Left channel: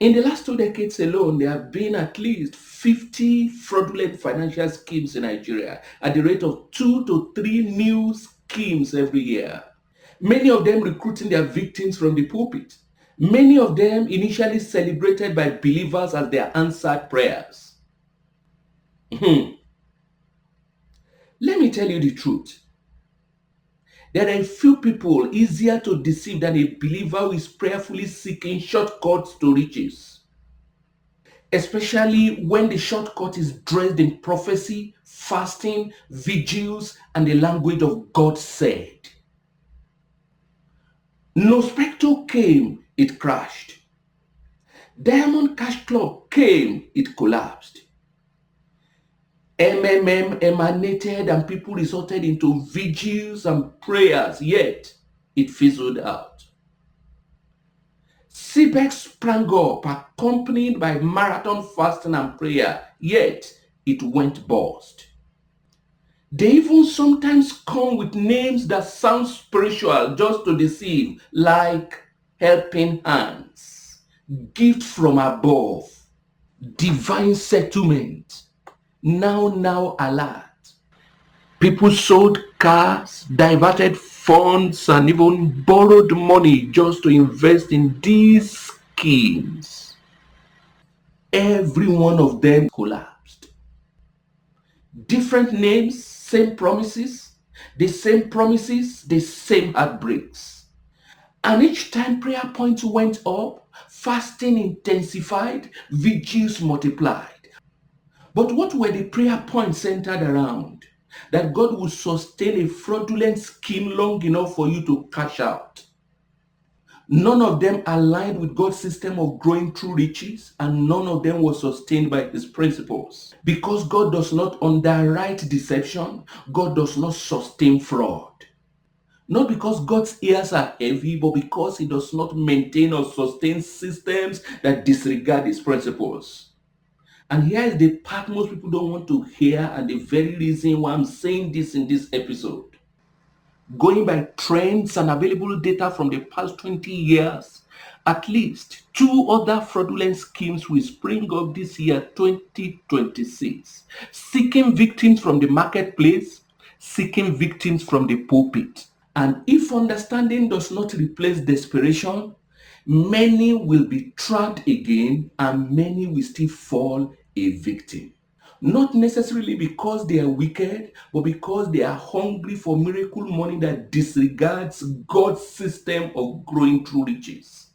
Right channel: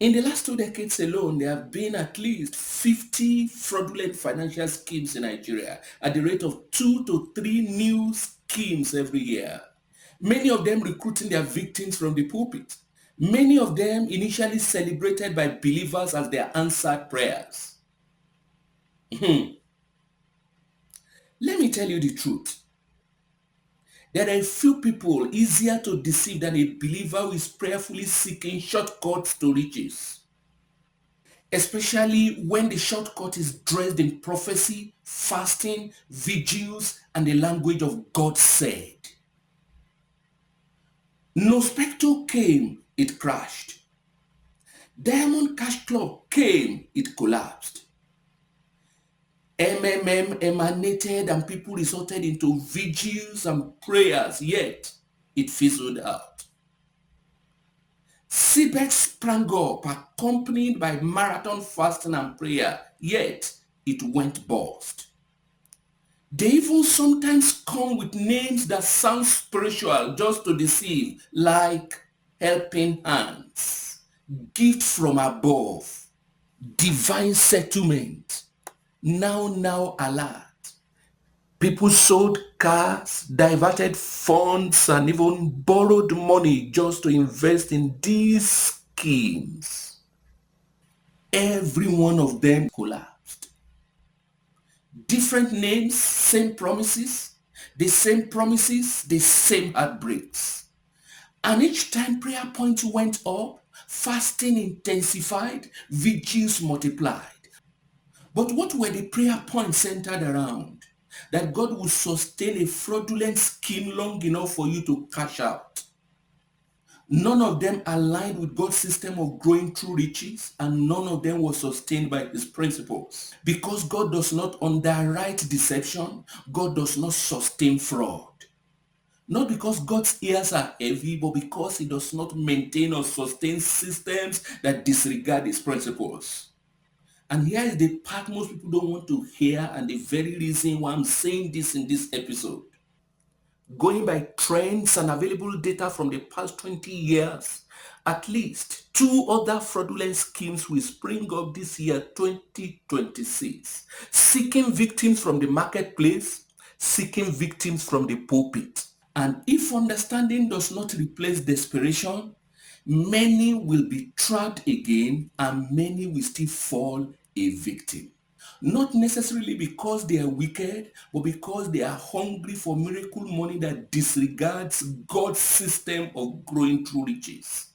In the last 2 decades alone, there have been at least 50 fraudulent financial schemes in Nigeria at the rate of 2 to 3 new schemes every year. Many of them recruiting their victims from the pulpit. Many of them initially celebrated by believers as their answered prayers. Let me tell you the truth. There are a few people easier to deceive than a believer who is prayerfully seeking shortcuts to riches, especially when the shortcut is dressed in prophecy, fasting, vigils, and the language of God said. No spectre came, it crashed. Diamond Cash Club came, it collapsed. MMM emanated and people resorted into vigils and prayers, yet it fizzled out. CBEX sprang up accompanied by marathon fasting and prayer, yet it went bust. They even sometimes come with names that sound spiritual just to deceive, like helping hands, gift from above, divine settlement, now alert. People sold cars, diverted funds, and even borrowed money just to invest in these schemes. Every one of them collapsed. Different names, same promises, the same promises, the same heartbreaks. And each time prayer points went up, fasting intensified, vigils multiplied. But what were the prayer points centered around? That God would sustain a fraudulent scheme long enough for you to cash out. None of them aligned with God's system of growing through riches, and none of them was sustained by his principles. Because God does not underwrite deception, God does not sustain fraud. Not because God's ears are heavy, but because he does not maintain or sustain systems that disregard his principles. And here is the part most people don't want to hear, and the very reason why I'm saying this in this episode. Going by trends and available data from the past 20 years, at least 2 other fraudulent schemes will spring up this year, 2026, seeking victims from the marketplace, seeking victims from the pulpit. And if understanding does not replace desperation, many will be trapped again and many will still fall a victim. Not necessarily because they are wicked, but because they are hungry for miracle money that disregards God's system of growing through riches.